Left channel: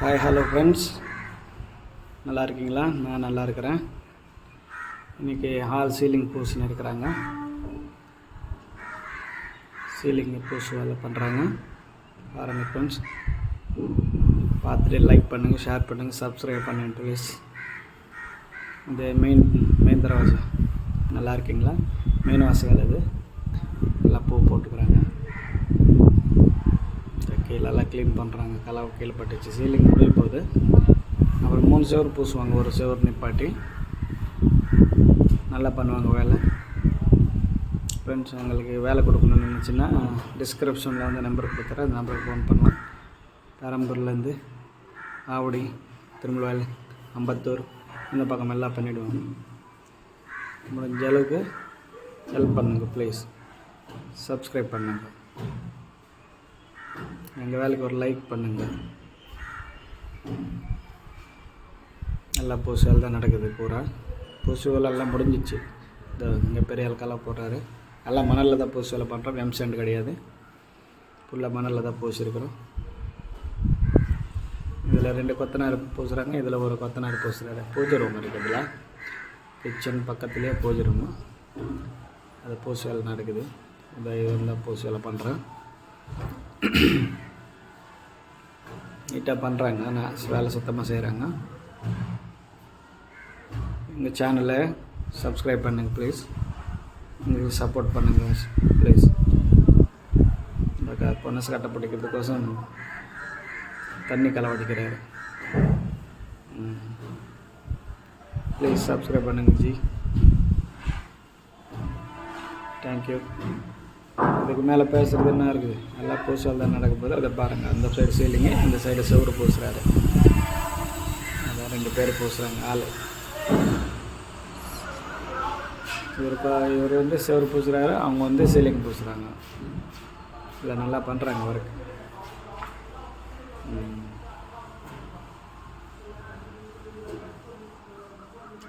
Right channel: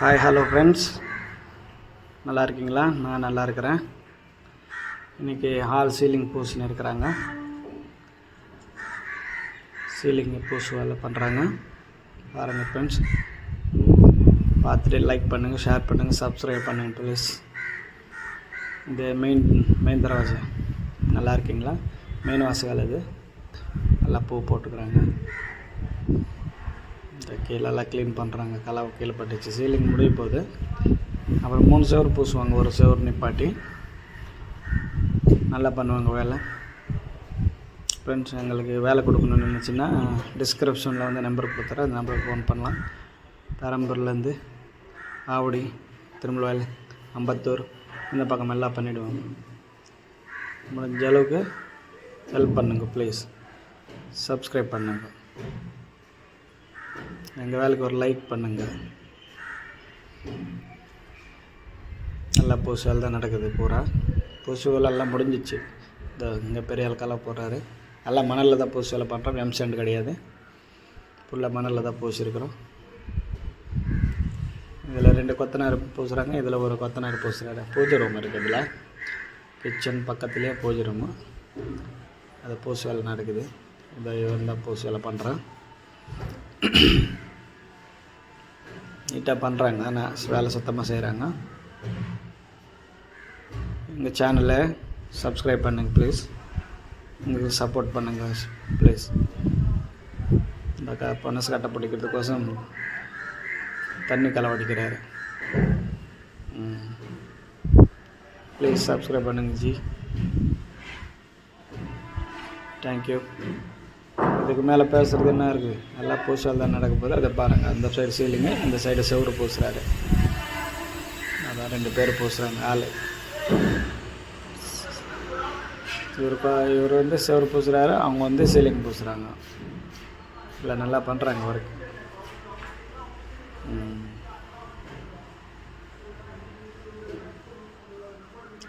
Hi hello friends, நல்லா இருக்கீங்களா? நான் நல்லா இருக்கிறேன். இன்றைக்கி ஹால் சீலிங் பூசின்னு இருக்கிறாங்க. சீலிங் பூசு வேலை பண்ணுறாங்க பாருங்கள் ஃப்ரெண்ட்ஸ். பார்த்துட்டு லைக் பண்ணுங்கள், ஷேர் பண்ணுங்கள், சப்ஸ்கிரைப் பண்ணுங்கள் ப்ளீஸ். இந்த மெயின் தரவாசை நல்லா இருக்கீங்களா? மெயின் வாசல் இது நல்லா பூ போட்டுக்கிறாங்க. கீழெல்லாம் க்ளீன் பண்ணுறாங்க. கலவை கீழே பட்டுச்சு. சீலிங் முடிய போகுது. அப்புறம் 3 செவர் பூசுவாங்க. ஒரு செவர் நிப்பாட்டி நல்லா பண்ணுவாங்க வேலை. ஃப்ரெண்ட்ஸ், எங்களுக்கு வேலை கொடுக்கணும்னு நினச்சின்னா டிஸ்கிரிப்ஷனில் வந்து நம்பர் கொடுத்துறேன். அந்த நம்பருக்கு ஃபோன் பண்ணலாம். பெரம்பூர்லேருந்து ஆவடி, திருமலவாயில், அம்பத்தூர் இந்த பக்கம் எல்லாம் பண்ணிவிடுவாங்க. முடிஞ்ச அளவுக்கு ஹெல்ப் பண்ணுங்கள் ப்ளீஸ். சப்ஸ்கிரைப் பண்ணுங்கள். எங்கள் வேலைக்கு ஒரு லைக் பண்ணுங்கள். நல்லா பூசு வேலை தான் நடக்குது. பூரா பூசு வேலை எல்லாம் முடிஞ்சிச்சு. இங்கே பெரிய ஆள் கலவை போடுறாரு. எல்லாம் மணலில் தான் பூசு வேலை பண்ணுறோம். எம்சேண்ட் கிடையாது. ஃபுல்லாக மணலில் தான் பூசிருக்கிறோம். இதில் 2 கொத்தனார் பூசுகிறாங்க. இதில் ஒரு கொத்தனார் பூசுகிறாரு. பூஜை ரூம் இருக்குது. இதில் கிச்சன் பக்கத்துலேயே பூஜை ரூமு. அது பூசு வேலை நடக்குது. இவன் தான் பூசு வேலை பண்ணுறான். நீட்டாக பண்ணுறாங்க. ஆனால் வேலை சுத்தமாக செய்கிறாங்க. எங்கள் சேனலை சப்ஸ்கிரைப் பண்ணுங்கள் ப்ளீஸ். எங்களுக்கு சப்போர்ட் பண்ணுங்கள் ப்ளீஸ். இந்த பொனசு கட்டை பிடிக்கிறதுக்கோசம் தண்ணி களவடிக்கிறாரு. ப்ளீஸ் சப்ஸ்கிரைப் பண்ணுங்கள் ஜி. தேங்க்யூ. இதுக்கு மேலே பேசுகிறது என்ன இருக்குது? எல்லாம் பூசால் தான் நடக்க போகுது. அதை பாருங்கள். அந்த சைடு சீலிங்கு, இந்த சைடு செவரு பூசுகிறாரு. அதான் 2 பேர் பூசுகிறாங்க. ஆள் இவர் வந்து செவரு பூசுகிறாரு. அவங்க வந்து சீலிங் பூசுகிறாங்க. இல்லை நல்லா பண்ணுறாங்க ஒர்க்.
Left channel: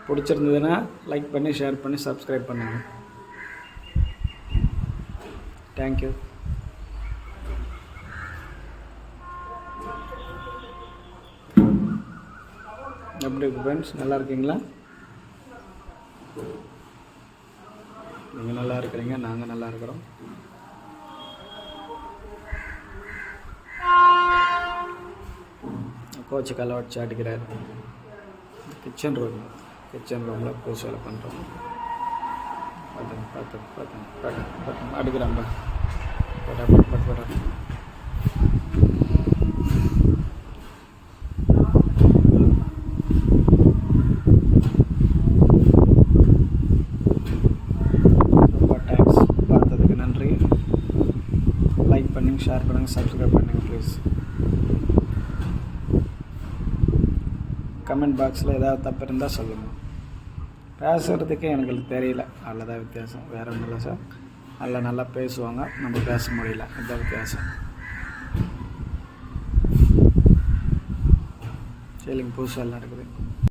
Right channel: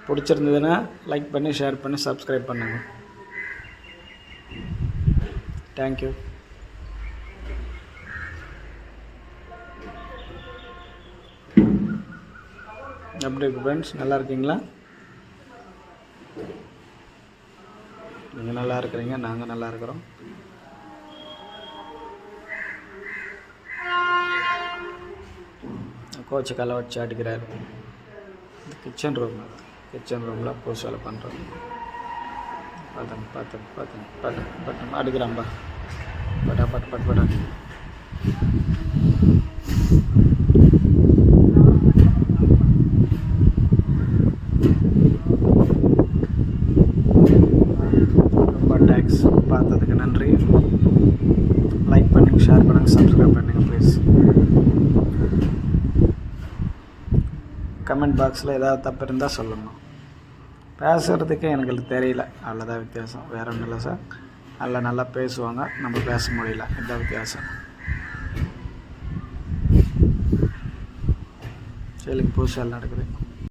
பிடிச்சிருந்ததுன்னா லைக் பண்ணி, ஷேர் பண்ணி, சப்ஸ்கிரைப் பண்ணுங்கள். தேங்க்யூ. எப்படி இருக்கு ஃப்ரெண்ட்ஸ்? நல்லா இருக்கீங்களா? நீங்கள் நல்லா இருக்கிறீங்க, நாங்கள் நல்லா இருக்கிறோம். கோச்சு கலை வச்சு அடிக்கிறாரு. கிச்சன் ரூமில் பூசு வேலை பண்ணுறோம். பார்த்துங்க அடிக்கிறான்பா. பட்டா ரொம்ப தேங்க்ஸ். பார்த்ததுக்கு நன்றி. லைக் பண்ணுங்கள், ஷேர் பண்ணுங்கள், சப்ஸ்கிரைப் பண்ணுங்கள் ப்ளீஸ். கமெண்ட் பாக்ஸில் ஏதாவது தப்பு இருந்தால் சொல்லுங்கள். பேசுகிறதுக்கே எனக்கு தெரியல, அவ்வளோதான் வித்தியாசம். வேறு ஒன்றும் இல்லை சார். நல்லா பேசுவாங்க, நம்ம பேச முடியல. இதுதான் வித்தியாசம். சீலிங் பூசு வேலை நடக்குது.